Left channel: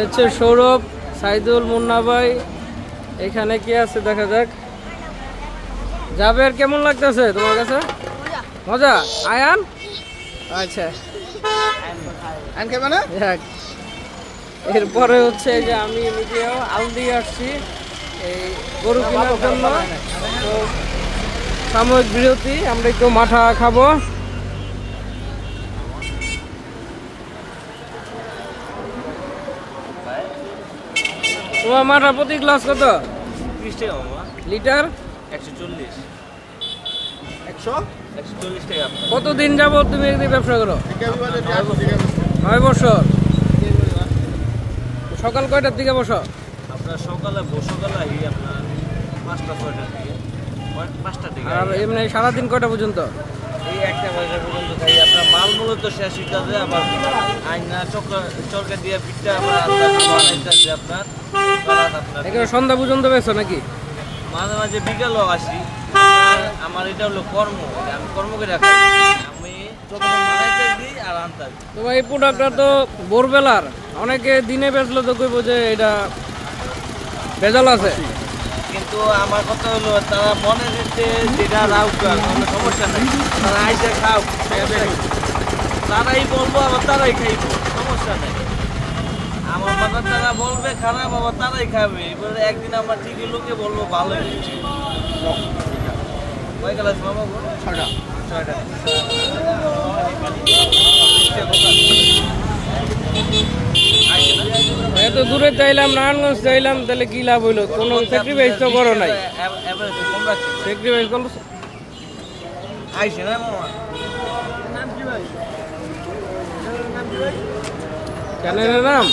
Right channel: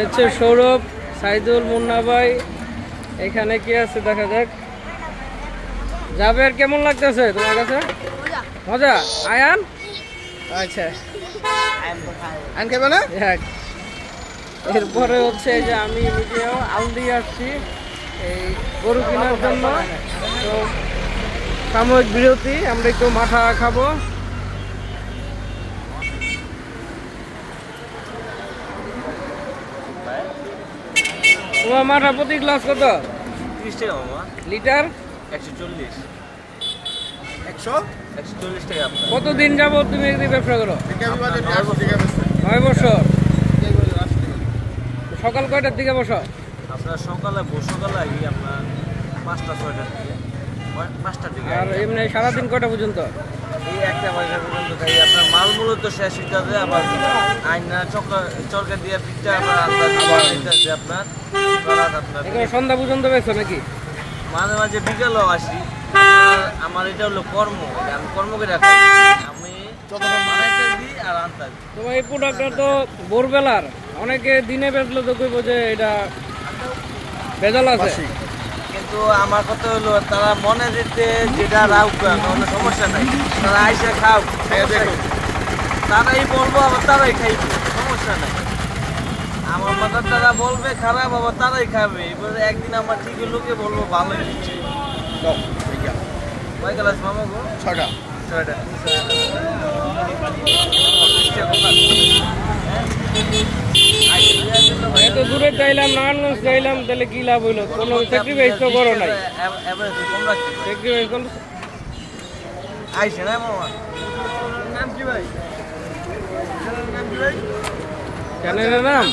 হচ্ছে সৌরভ, সাইদুল, মুন্না ভাই। এখানে কি আছে দেখা যাক। জাবের, কেমন লাগতেছে তোমার কাছে? মজা। আয়ান, আচ্ছা এরপরে হচ্ছে যে আমি নিজেও আলদি আসছি এই গরু কেনার জন্য। তো সাময়িক বিরতি, আমরা একটু মাঠা খাবো। তোমার মাঠা প্রতি গ্লাস কত? 30 টাকা মামা। লিটার 140। 140 টাকা। কতদিন যাবো তুমি একদিন ব্যবসা করো? 9 বছর। সকাল কয়টার দিকে বসো? আপনার সকালে আপনার 5টা-6টার দিকে, 5টার দিকে। আর এমনি সারাদিন কয়টা পর্যন্ত? এই 1টা বাজে পর্যন্ত থাকি। আপনার মাল মূলত শেষ হইতে হবে, আবার আইনা চরকা দিয়ে পিঠটা আবার বানাইতে আপনার সন্ধ্যা পর্যন্ত বেছো নাকি? মাঝে মাঝে বিকালও আসি। আমার এটা হলো কর্ম, আমি কর্ম করে রাখি। আমি দিই আর আনতে। তোমার এই প্রোডাক্টটা তো ভোরবেলার, অনেকে দিনে বেচলো তো কইব যে এটা ভেজাল আছে। কিন্তু আমার কথা হলো তারা মনে যেতে যেটা রাউক কোনো সমস্যা নাই, তারা আইসে খাও, তারাই বলবো আবার তারাই খাইব, সমস্যা নাই। আমার কথা তারা বলবে খারাপ, আবার তারাই খাবে। এবারে একদিন আমার ঠিক লোকে বলবো ভালো হয়েছে। কয় গ্লাস মামা গো? 6টা। এত দূরে চাইলাম, নারায়ণগঞ্জ চাইলাম, তাহলে কি লাভ হইলো? কোনো স্যাক্রিফাইস তো করো নাই। স্যাক্রিফাইস করলো আইসে না মামা। চ্যানেলের নাম